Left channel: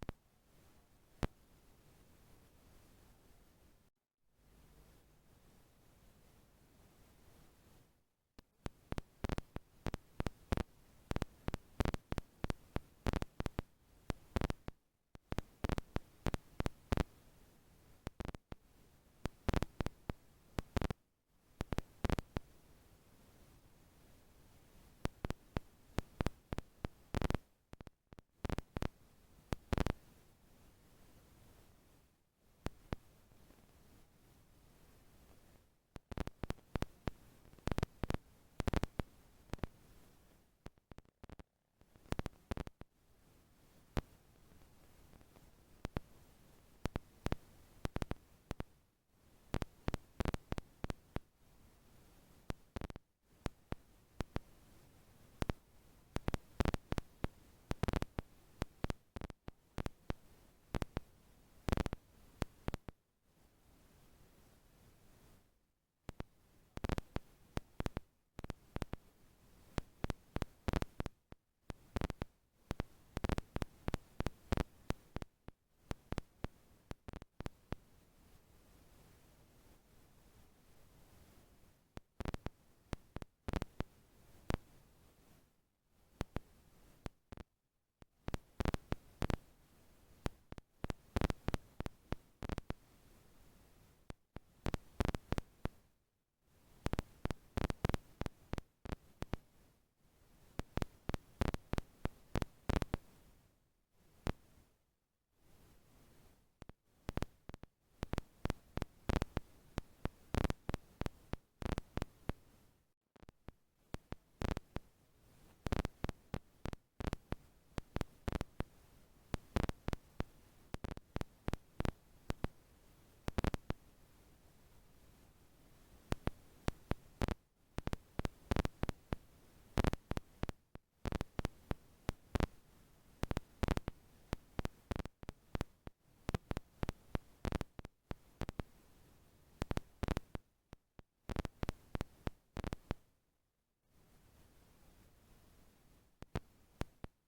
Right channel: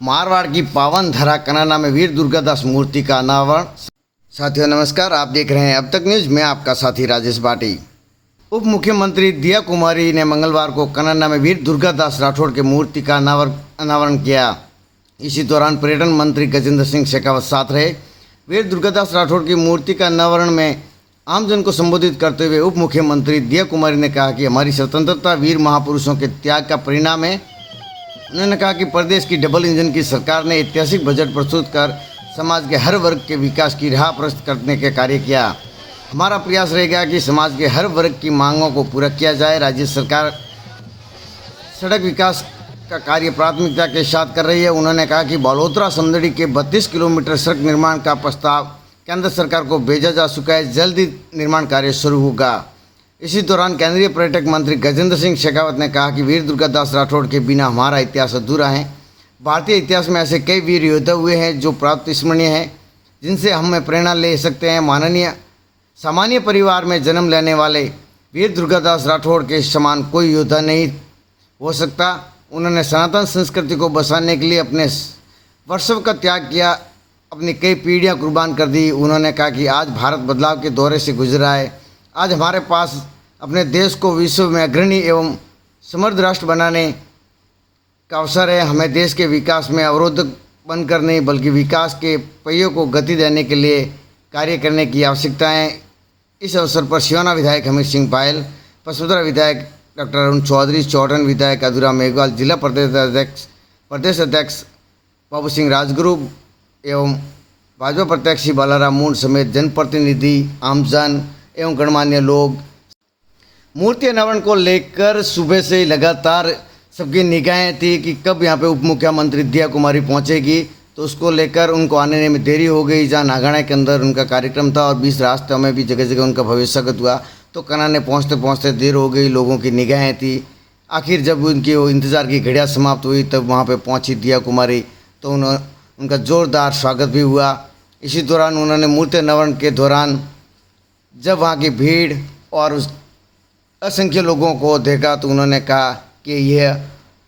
मारवाड़ की पावन धरा कनाना में वीर दुर्गादास मूर्ति का अनावरण। साथियों नमस्कार, आप देख रहे हैं अब तक न्यूज। मैं आपका साथी राजेश बाटी। उप मुख्यमंत्री दिया कुमारी ने मंगलवार को कनाना में वीर दुर्गादास राठौड़ की मूर्ति का अनावरण किया। इसी दौरान पर्यटन मंत्री गजेंद्र सिंह शेखावत साथ रहे। वीर दुर्गादास राठौड़ की मूर्ति का अनावरण में आमजन को संबोधित करते हुए उप मुख्यमंत्री दिया कुमारी ने कहा कि हमारी स्वतंत्रता वीर महापुरुषों के त्याग का परिणाम है। उन्होंने कहा कि प्रदेश की डबल इंजन की सरकार ने ऐतिहासिक बजट प्रस्तुत कर समाज के हर वर्ग के विकास की राह प्रशस्त करने का कार्य किया। हमारा प्रयास रहेगा कि समाज के हर वर्ग की मांगों को पूरा किया जाए। राज्य सरकार सड़क विकास का कार्य प्राथमिकता के साथ कर रही है। उन्होंने कहा कि बालोतरा समदड़ी के 32 किलोमीटर सड़क निर्माण का प्रस्ताव केंद्र सरकार को भेजा जा चुका है। जल्द ही निर्माण कार्य शुरू होगा। इसी दौरान केंद्रीय पर्यटक मंत्री गजेंद्र सिंह शेखावत ने कहा कि वीर दुर्गादास राठौड़ के बिना हमारा इतिहास अधूरा है। भारतीय इतिहास में ऐसे कई वीर योद्धा हुए हैं जो प्राप्त स्मरणीय हैं, जिनसे हमें प्रेरणा ले सकते हैं। सामान्य परिवार में जन्म लेने वाले वीर दुर्गादास राठौड़ के समान कोई योद्धा नहीं हो सकता। उन्होंने सनातन संस्कृति को बचाने के लिए अपने वर्षों का त्याग किया, अपनी कई पीढ़ियां कुर्बान कर दी। उन्होंने कहा कि आज भारत बदलाव के दौरे से गुजरा है। आज हमारे पास अपने देश को विश्व में अग्रणी एवं समृद्ध राष्ट्र बनाने का अवसर है। हमें देश के विकास में अवरोधक बनकर नहीं बल्कि विकास के पहियों को गति देने के लिए कार्य करने की आवश्यकता है। इस अवसर पर सिवाना विधायक हमीर सिंह पायल, पसुदरा विधायक डॉक्टर अरुण चौधरी, चौड़न विधायक अधूरा मेघवाल, जिला प्रदेश अध्यक्ष बाबू सिंह राजगुरु एवं भाजपा प्रत्याशी बालाराम मूंड समेत जनप्रतिनिधि, आमजन एवं गणमान्य लोग मूर्ति अनावरण को लेकर सुबह से लगातार सबकी निगाहें थी कि कब यहाँ पे उप मुख्यमंत्री दिया कुमारी पहुँचेगी। तो उसको लेकर उनको आने में देरी हो गई। जहाँ नागाना के अंदर उनका कार्यक्रम था और 20 रास्तों में भी जगह जगह उनका भव्य स्वागत हुआ, तो कनाने पहुँचते पहुँचते देर हो गई। लोगों की निगाहें थी। आखिर जब उनकी वो इंतज़ार की घड़ियाँ समाप्त हुई तब वहाँ पर पहुँची दिया कुमारी, तो उनका ज़ोरदार स्वागत भी हुआ। इसी दौरान उन्होंने मूर्ति अनावरण के दौरान जब वहाँ की भीड़ और उस असंख्य लोगों को देखा तो उन्होंने कहा कि यह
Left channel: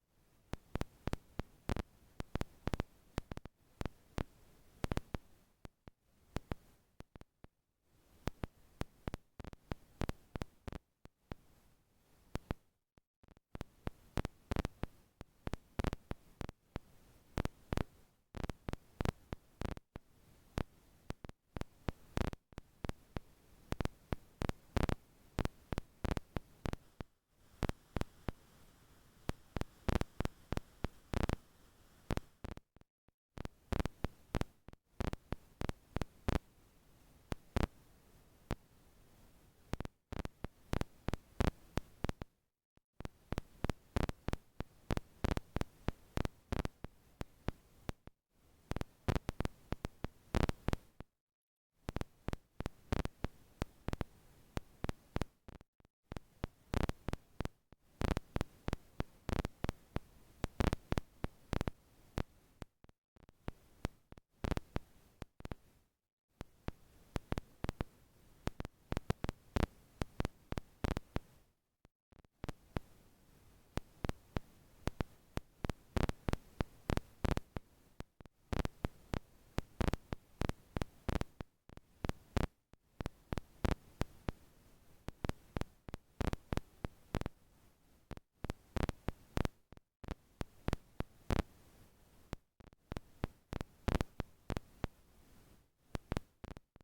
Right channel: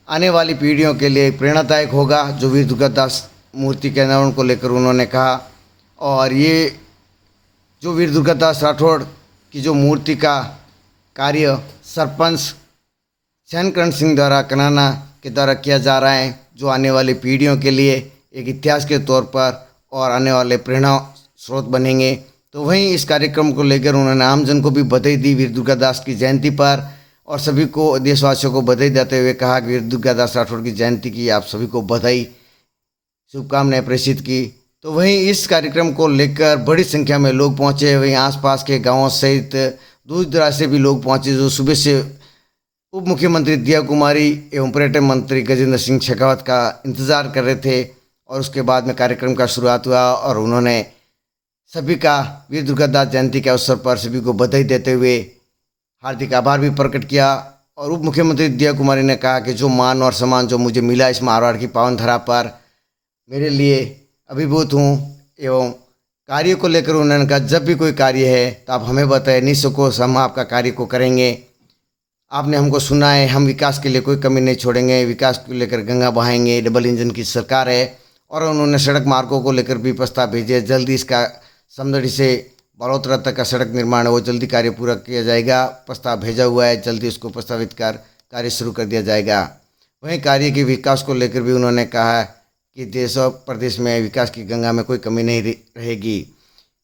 आने वाली पीढ़ियों के लिए प्रेरणादायक होगा, जो वीर दुर्गादास मूर्ति के अनावरण को लेकर उन्होंने कहा। और ये जो वीर दुर्गादास राठौड़ की जो मूर्ति का कार्य सरपंच शैनकरण सिंह द्वारा कनाना के द्वारा किया जा रहा है, जो आने वाली पीढ़ियों के लिए एक इतिहास के तौर पर और आने वाले प्रेरणा स्रोत बनेंगे। तो वहीं इस कार्यक्रम को लेकर उन्होंने आमजन को भी बधाई दी वीर दुर्गादास की जयंती पर, और सभी को देशवासियों को बधाई देते हुए कहा कि वीर दुर्गादास राठौड़ की जयंती की आप सभी को बधाई, शुभकामनाएं प्रेषित की। तो वहीं इस कार्यक्रम को लेकर बड़ी संख्या में लोग पहुंचे। वहीं आसपास के गांवों सहित दूर दराज से भी लोग पहुंचे, जो सुबह से उप मुख्यमंत्री दिया कुमारी एवं पर्यटन मंत्री गजेंद्र सिंह शेखावत का इंतज़ार कर रहे थे। और उसके बाद में कार्यक्रम का शुरुआत हुआ और उन्होंने सभी का वीर दुर्गादास जयंती के अवसर पर सभी को बधाई देते हुए हार्दिक आभार भी प्रकट किया। और उप मुख्यमंत्री दिया कुमारी ने कहा कि जो मान और सम्मान जो मुझे मिला इस मारवाड़ की पावन धरा पर, मेरे लिए अभिभूत हूँ। एवं कार्य को लेकर उन्होंने कहा जब भी कोई कार्य है तो आप हमें बताएं, निसंकोच हम आपका कार्य को करेंगे। आपने हमको सुना है, हम विकास के लिए कोई कमी नहीं छोड़ेंगे। विकास को लेकर गंगा बहाएंगे। डबल इंजन की सरकार है। और उन्होंने सड़क मार्गों को लेकर भी प्रस्ताव भेजे। जल्दी इसका समदड़ी से बालोतरा तक का सड़क निर्माण है वो जल्दी कार्य पूरा किया जाएगा। प्रस्ताव भेजा हुआ है, जल्दी उसको प्रस्तावित कर कार्य शुरू कर दिया जाएगा। वहीं कार्य के विकास को लेकर भी उन्होंने कहा कि देश और प्रदेश में विकास की गंगा में कोई कमी नहीं रहेगी।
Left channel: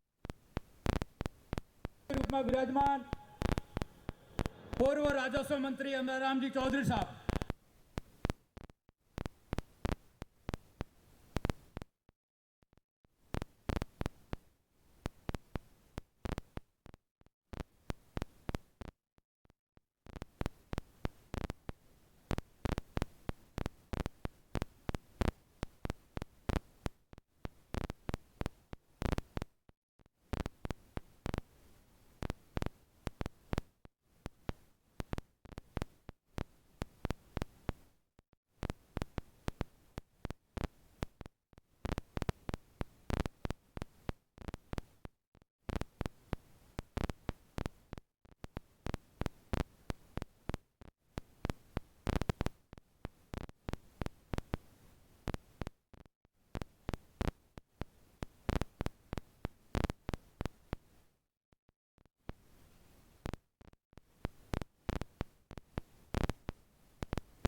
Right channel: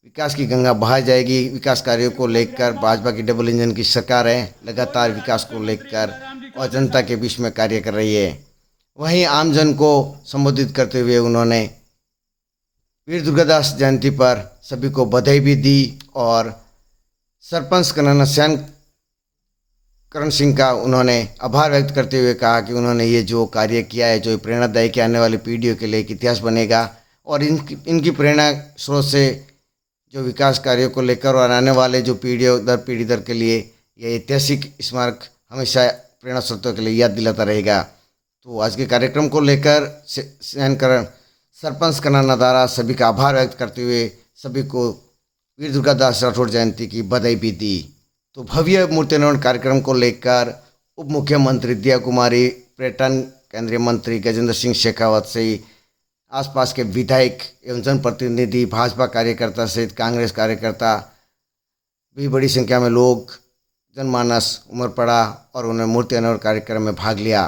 विकास की गंगा बहा जाएगी। विकास कार्यों को लेकर भाजपा की डबल इंजन की सरकार है, लगातार विकास को लेकर और जनता के बीच में कार्य कर रही है। वहीं आमजन को संबोधित करते हुए उन्होंने वीर दुर्गादास जयंती पर सभी को बधाई भी दी। और सरपंच कनाना शैनकरण सिंह का उन्होंने आभार व्यक्त करते हुए कहा कि उन्होंने ये जो कार्य किया है, जो प्रेरणादायक है, आने वाली पीढ़ियों के लिए एक इतिहास बनेगा। और इनकी प्रेरणा स्रोत से जो विकास कार्यों को लेकर और आने वाले जो पीढ़ी दर के लिए यह ऐतिहासिक स्मारक हमेशा प्रेरणा स्रोतों के लिए याद दिलाता रहेगा। तो आज के कार्यक्रम को लेकर शैनकरण सरपंच कनाना द्वारा सभी का आभार व्यक्त करते हुए सभी को वीर दुर्गादास राठौड़ जयंती की बधाई भी दी। तो भव्य मूर्ति अनावरण कार्यक्रम को लेकर उप मुख्यमंत्री दिया कुमारी, पर्यटन केंद्रीय मंत्री गजेंद्र सिंह शेखावत से आसपास के विधायक एवं जनप्रतिनिधि, भाजपा कार्यकर्ता सहित कांग्रेस कार्यकर्ता भी बड़ी संख्या में लोग जनमानस उमड़ पड़ा और उन्होंने मूर्ति अनावरण कार्यक्रम में भाग लिया।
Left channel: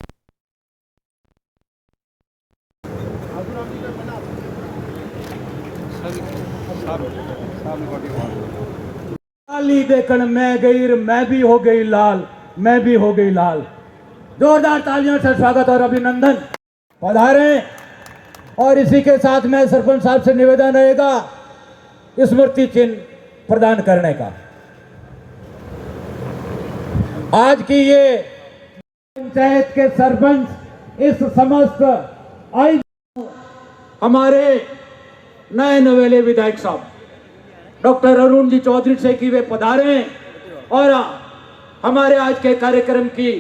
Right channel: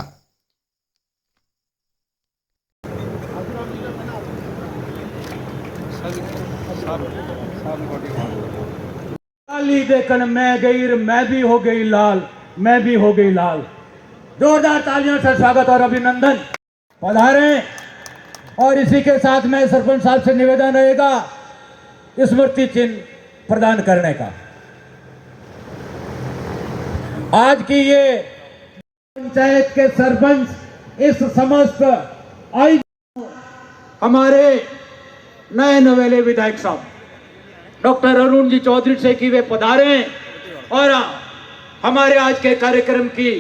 लाली देखन मैं भी हो गई लाल, मैं भी हो गई लाल। जोरदार तालियों से स्वागत और अभिनंदन। पधारे। और इसी के साथ में सरपंच साहब से निवेदन रहेगा स्मृति चिन्ह प्रदान करने का। आज की ये पंचायत के सरपंच इस समस्त हमारे नए नवेले विधायक साहब डॉक्टर अरुण जी चौधरी से कि वे पधारे और हमारे आज के कार्यक्रम की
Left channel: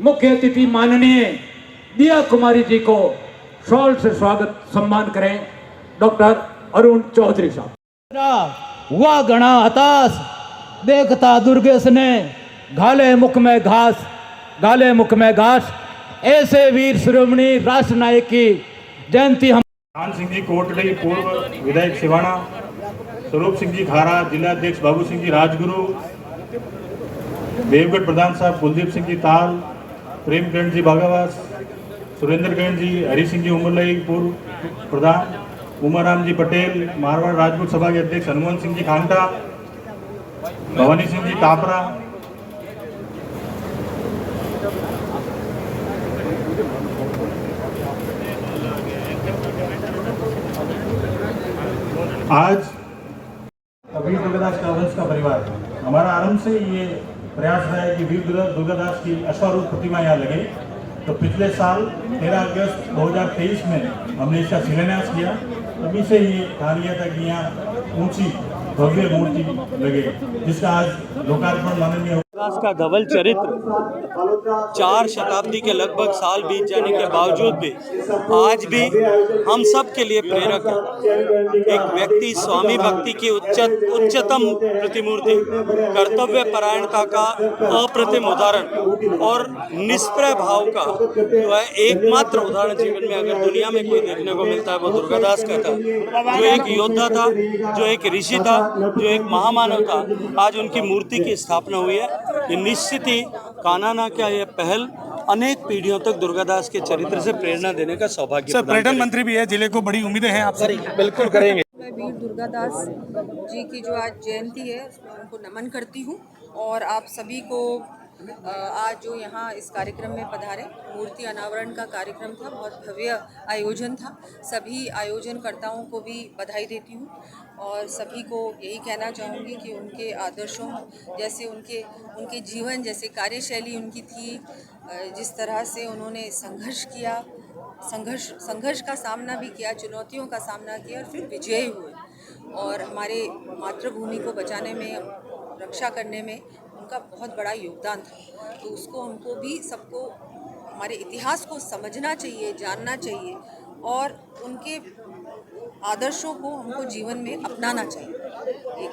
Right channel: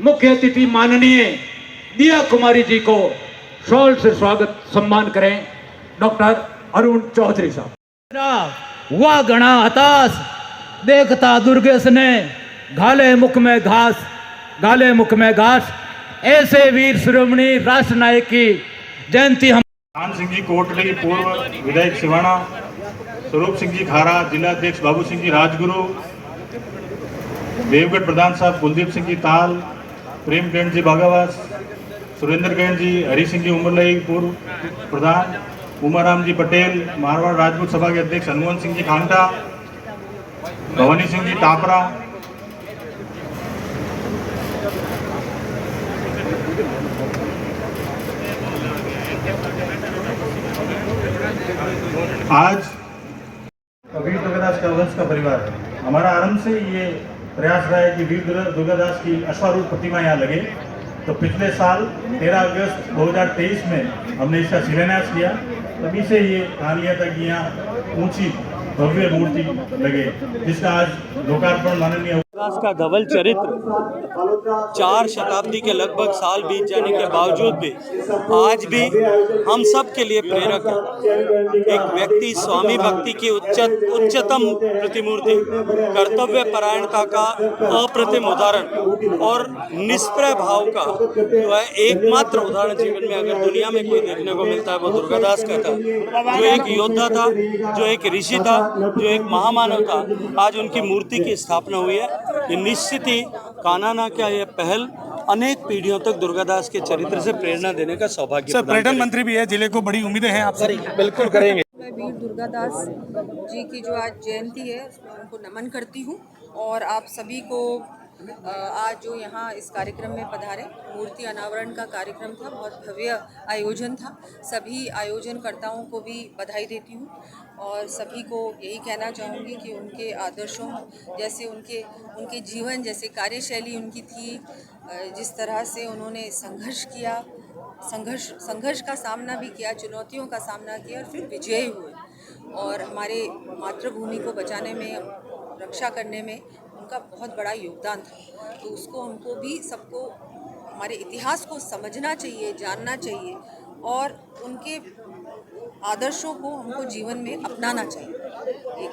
मुख्य अतिथि माननीय दिया कुमारी जी को शॉल से स्वागत सम्मान करें। डॉक्टर अरुण चौधरी साहब। वाह गणा हताश देखता दुर्गेश ने घाले मुख में घास, घाले मुख में घास। ऐसे वीर शिरोमणि राष्ट्र नायक की जयंती हम खान सिंह जी कोटली, पूर्व विधायक सिवाना, स्वरूप सिंह जी खारा, जिला अध्यक्ष बाबू सिंह जी राजगुरु, देवगढ़ प्रधान साहब कुलदीप सिंह जी ताल, प्रेम किरण जी बागावास, सुरेंद्र गैन जी, हरी सिंह जी उमरलई पूर्व प्रधान, उमाराम जी पटेल, मारवाड़ राजपूत सभा के अध्यक्ष हनुमान सिंह जी खांटा, भवानी सिंह जी टापरा, आज वीर दुर्गादास का वंश का परिवार है। हमारा आरंभ से ये प्रयास रहा है कि वीर दुर्गादास की अश्वारूढ़ प्रतिमा यहाँ लगे। तो पिछले साल 13 अगस्त 2023 में हमने इसका शिलान्यास किया। तभी से ये कार्य किया था कि यहाँ ऊंची भव्य मूर्ति लगे, जिसका आज लोकार्पण माननीय दुर्गादास का धवल चरित्र 4 शताब्दी के लगभग साल बीत जाने के बावजूद भी आज भी हम सब के लिए प्रेरक है। एक व्यक्ति स्वामी भक्ति की उच्चतम प्रतिमूर्ति, कर्तव्य परायणता का अप्रतिम उदाहरण और निष्प्रय भाव का जो है एकमात्र उदाहरण जीवन में अगर दुनिया में कोई देखने को मिलता है वो दुर्गादास का था। जो एक योद्धा था, जो एक ऋषि था, जो एक महामानव था, आज उनकी मूर्ति की स्थापना हुई है। ये निश्चित ही कानाना क्या ये पहल अनेक पीढ़ियों तक दुर्गादास के चरित्र से प्रेरणा देने का सौभाग्य। सर, पर्यटन मंत्री भी है, जिले को बड़ी उम्मीदें हैं आपसे। बिल्कुल करेंगे। मैं वीर दुर्गादास जी की जो आज जयंती है उसमें उनको नमन करती हूँ और आप सभी को आज जो यहाँ इस कार्यक्रम में पधारे, मूर्ति अनावरण का कार्यक्रम था, बहुत भव्य आयोजन था। सभी आयोजनकर्ताओं को भी बधाई देती हूँ और सभी को यही कहना चाहूँगी कि उनके आदर्शों जैसे उनके जीवन जैसे कार्यशैली उनकी थी, जिस तरह से उन्होंने संघर्ष किया, संघर्ष का सामना भी किया, चुनौतियों का सामना किया और फिर विजयी हुए और हमारे मातृभूमि को बचाने में, रक्षा करने में उनका बहुत बड़ा योगदान था। तो उसको हमको भी सबको हमारे इतिहास को समझना चाहिए, जानना चाहिए और उनके आदर्शों को हमको जीवन में अपनाना चाहिए।